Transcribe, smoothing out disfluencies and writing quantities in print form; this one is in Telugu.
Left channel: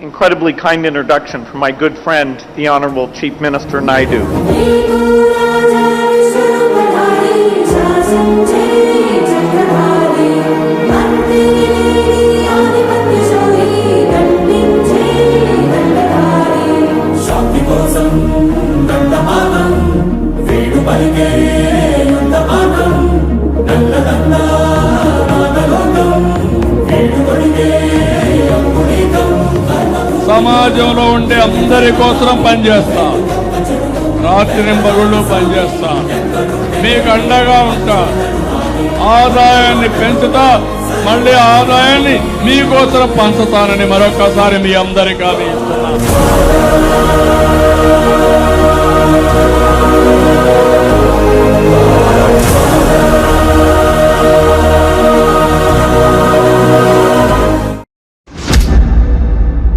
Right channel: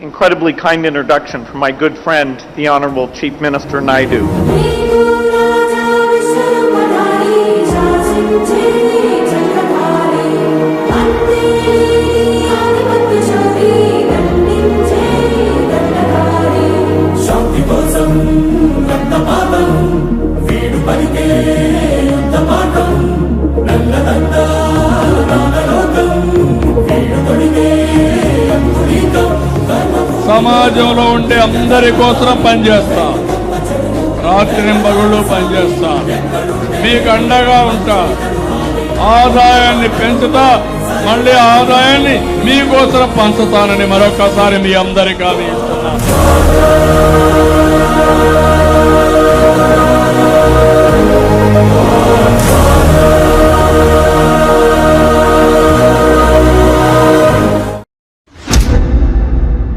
Incredibly kind introduction from my good friend, the Honorable Chief Minister Naidu. సమాజంలో ఉండే అందరి కోసం పనిచేస్తా, రాత్రింబగుళ్ళు పనిచేస్తా, మీకు అండగా ఉంటా, ఆదాయాన్ని పెంచుతా, మళ్ళీ ఆదాయాన్ని మీకోసం పంచుతానని మరొకసారి మీ అందరికీ హామీ ఇస్తున్నా.